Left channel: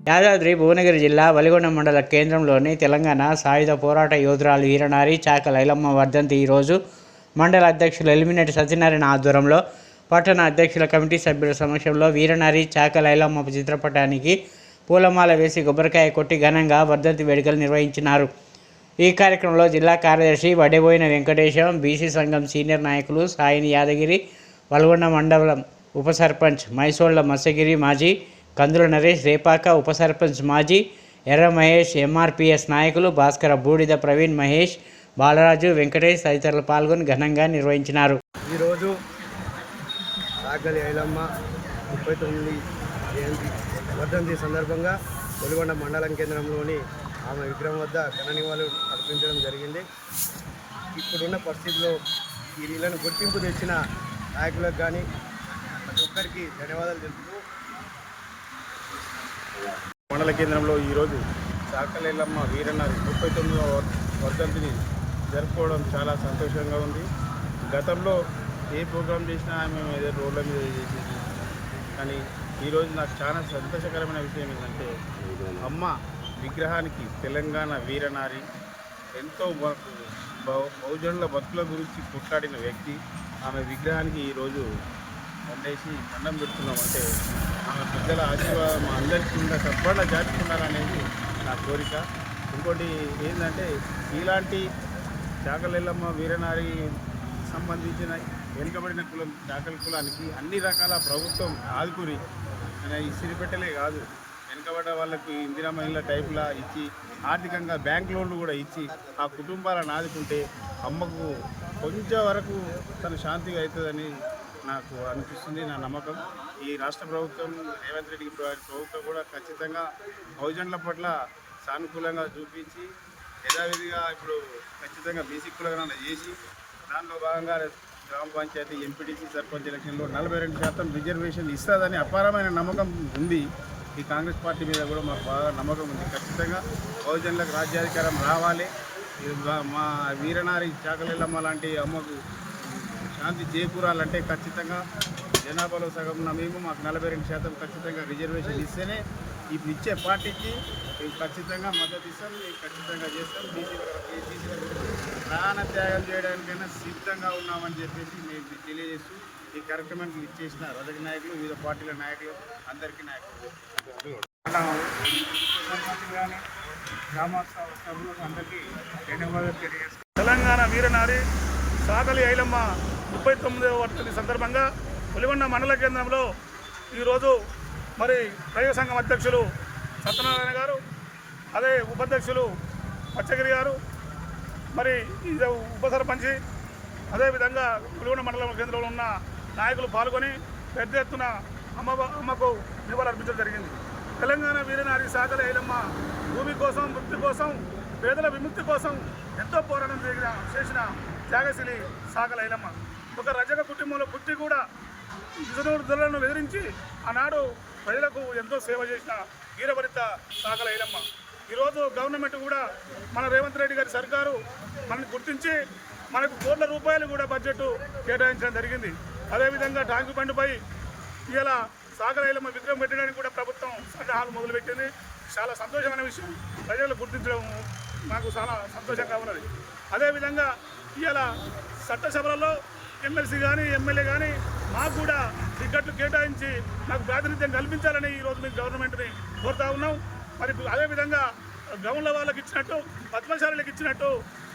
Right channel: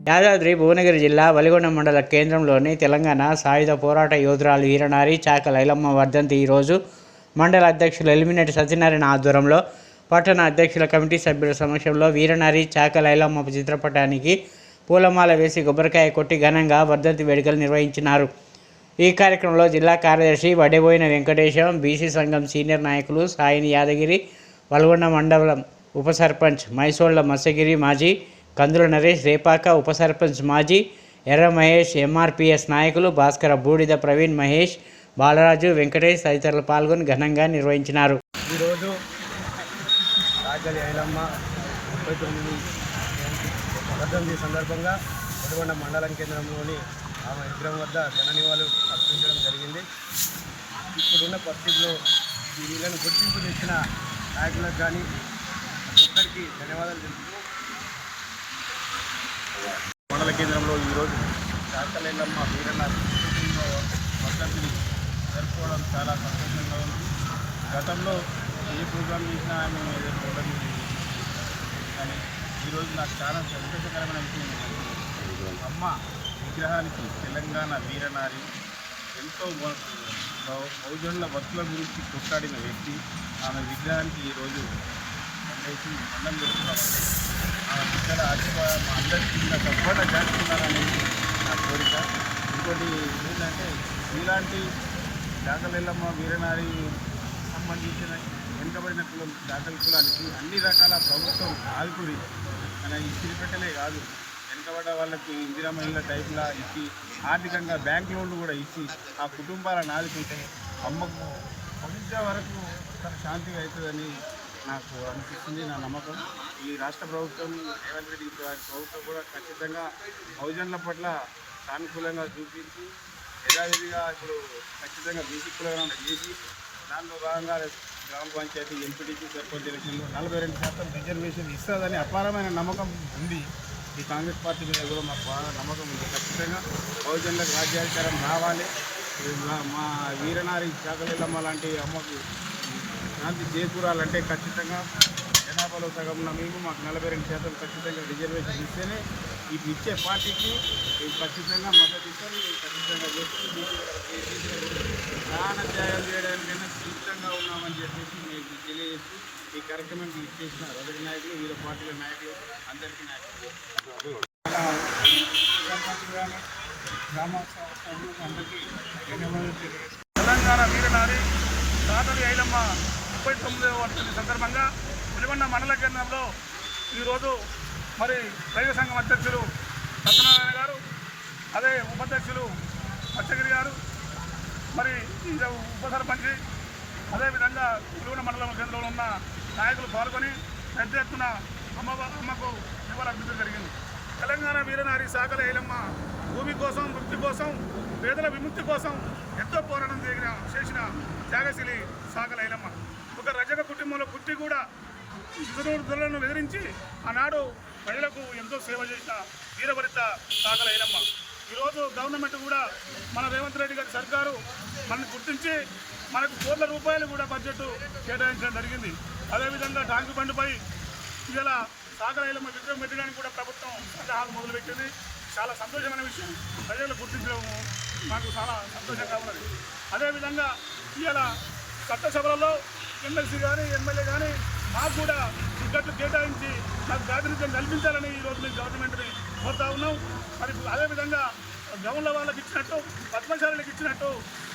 యాదాద్రి భువనగిరి జిల్లా వలిగొండ మండల కేంద్రంలోని తెలంగాణ సాయుధ పోరాట యోధురాలు వీరనారి చాక లైలమ్మ వర్ధంతి ఈరోజు మండల అధ్యక్షులు ఎలిమినేట్ సత్యనారాయణ ఆధ్వర్యంలో పట్టణ అధ్యక్షుల కమిటీ సభ్యుల సమక్షంలో వీరనారి చాక లైలమ్మ చిత్రపటానికి పూలమాల వేసి కొబ్బరికాయ కొట్టి ఘనంగా వర్ధంతి వేడుకలు నిర్వహించినారు. ఈ కార్యక్రమంలో జిల్లా కార్యదర్శి వడెబోయిన వెంకటేశం బీసీ సంఘం సీనియర్ నాయకులు సాయిని యాదగిరి వల్గొండ మండలం ఉప సర్పంచ్ మైసోళ్ళ మత్స్యగిరి మాజీ కందుల నరేష్ రేపాక ఉప సర్పంచ్ మాజీ ఎర్ర మహేష్ ఎంఆర్పిఎస్ నాయకులు భాస్కర బూడిద ప్రవీణ్ మహేష్ బాలరాజు వెంకటేష్ తదితరులు పాల్గొని ఘనంగా నిర్వహించినారు. ఈరోజు రాజాలి ఐలమ్మ ముప్పై తొమ్మిది జయంతి వర్ధంతి సందర్భంగా వెలుగొండ మండలం కేంద్రంలోని ఆమె విగ్రహం వద్ద ధన నివాళులు అర్పించడం జరిగింది. ఇప్పుడున్న పరిస్థితుల్లో ఈ నీళ్ళను గుర్తింపు తెచ్చిన నాయకులకు కానీ ప్రతి ఒక్కరికి ధన్యవాదాలు తెలుపుతూ మండల కేంద్రంలో ఈరోజు చాకలేలమ్మ వీరన్న ముప్పై తొమ్మిదవ వర్- వర్ధంతిని జరుపుకోవడం చాలా సంతోషంగా ఉంది. గతంలో ఏ ప్రోగ్రాం చేసినా మేము ఏదో రోడ్ల మీద కానీ ఈరోజు నాకు చాలా సంతోషకరమైన విషయం ఏంటంటే అమ్మ విగ్రహానికి తెలంగాణ వీరనారి ఎంతో బహుజనుల భక్తుల గురించి కొట్లాడిన వ్యక్తి. ఆమె విగ్రహానికి ఈరోజు దండేసి దండం పెడుతున్నామంటే ఆమె బిడ్డల ఆశీర్వాదం మా అందరికీ ఉన్న చేసుకున్నారనేది చేస్తున్నారనేది నా కోరిక. ఇంకోటి ఏంటంటే ఇలాంటి చాకలెల్లమ్మ వీరనారి సంబంధించిన వెనుకబడిన కులం చాకల కులానికి అన్ని రకాల ప్రభుత్వం ఆదుకుని మన ఇసిరిపెట్టలే కాదు వెనుకబడ్డ వాళ్ళకు ఇందిరా మహిళ టైప్లా ఇచ్చి ఆర్థికంగా బ్యాంక్ లోన్లు కూడా ఇచ్చి ఆ కుటుంబాలను ఆదుకుంటే అమ్మకు కొంచెం వరకు తన శాంతిగా అవుతుందని నాకు అనిపిస్తుంది నా నమ్మకం. ఈ రాష్ట్ర ప్రభుత్వం రేవంత్ రెడ్డి ప్రభుత్వం కూడా ఖచ్చితంగా బహుజనుల పట్ల సానుకూలంగా చూపించి యథావిధిగా ఇప్పుడు ఖచ్చితంగా బీసీ కులగణన చేసి దానిలో భాగంగా గ్రామ పంచాయతీ ఎంపీటీసీ సర్పంచ్ ఎలక్షన్లో నలభై రెండు శాతం రిజర్వేషన్ ఇస్తుందని అపారమైన నమ్మకం ఉంది. ఈ కాంగ్రెస్ పార్టీ మీద కూడా మాకు బాగా నమ్మకం ఉంది. ఖచ్చితంగా బహుజనులకు రాజ్యాధికారం రావాలి. మా- మా వీరనారి చాకలెల్లమ్మ లాంటి అమ్మకు శాంతి చేకూరాలంటే ఖచ్చితంగా జనాభాలో సగంలో మేము మాకు నలభై రెండు శాతం ఖచ్చితంగా రిజర్వేషన్ ఇస్తేనే ఇప్పుడు ఇచ్చే పార్టీకి మేము ఖచ్చితంగా మద్దతు ఇస్తాం మేము ఖచ్చితంగా చేస్తాం ప్రాణ త్యాగం చేయడానికైనా సిద్ధంగా ఉన్నామని చెప్పేసి మీకు తెలియజేసి ఈ కార్యక్రమానికి ఇచ్చేసిన రజక నాయకులు వివిధ పార్టీల నాయకులు అందరికీ నాయకులు సర్పంచులు కానీ గ్రామ సభ్యులకు అందరికీ ధన్యవాదాలు తెలియజేస్తాం తెలంగాణ వీరనారి సాదలి ఐలమ్మ ముప్పై తొమ్మిదవ వర్షం సందర్భంగా పులిగొండ మండల కేంద్రంలో ఈరోజు మరి రైతు సంఘం అధ్యక్షులు సత్యనారాయణ గారు అదే ఉపాధ్యక్షులు పచ్చగిరి గారు మరి ఈ ఉప సర్పంచి అదేవిధంగా పులిగొండ మండల కేంద్రంలో ఉన్న నాయకులు పాల్గొని పెద్ద ఎత్తున అమ్మ అమ్మకు నివాళులు జరిగింది. తెలంగాణ వీరనారి సాగల ఐలమ్మ భూమి కోసం ముక్తి కోసం పేదల విముక్తి కోసం ఎంతో పోరాటం జరిగిన చేసిన త్యాగశీలి సాగల ఐలమ్మ ఒక రజక కుటుంబంలో పుట్టి కూడా ఇతరులను బెదిరించి ఆనాడు ప్రజలకు ఎంతో సేవ చేసిన వీరభరిత కాకల ఐలమ్మ ఈరోజు గవర్నమెంట్ కూడా మన రేవంత్ రెడ్డి గారి సర్కారు మనల్ని గుర్తించి మనకు కోట్ల రూపాయలు కూడా బడ్జెట్ కేటాయించడం జరిగింది. అదేవిధంగా ట్యాంకు బండ్పై ఇలా సాగరైలమ్మ విగ్రహం పెట్టడానికి కూడా ప్రభుత్వం సన్నాహాలు మొదలుపెట్టింది. చాలా సంతోషమైన విషయం. ప్రజలు గుర్తించడం మాకు చాలా సంతోషంగా ఉన్నది. అదేవిధంగా ఇలా చట్టసభలలో ఎమ్మెల్సీ కానీ ఎమ్మెల్యే కానీ మాకు కూడా టికెట్లు కేటాయించి మాకు ప్రాతినిధ్యం కల్పించాలని ఈరోజు మేము గవర్నమెంట్ని కోరుతా ఉన్నాం. మరి అదేవిధంగా గౌన్ల వాళ్ళకి ఇచ్చినట్టు పద్మశాలకు ఇచ్చినట్టు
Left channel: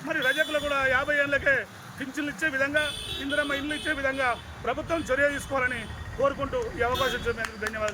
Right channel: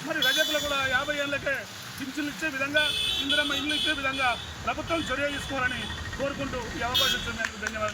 మరి రజకులు కూడా యాభై ఏళ్ళకే పింఛన్లు ఇచ్చే విధంగా ఇందిరమ్మ ఇల్లు ఇచ్చే విధంగా ప్రభుత్వం చర్య తీసుకోవాలని కోరుకుంటూ ఈ అవకాశం ఇచ్చినందుకు ధన్యవాదాలు.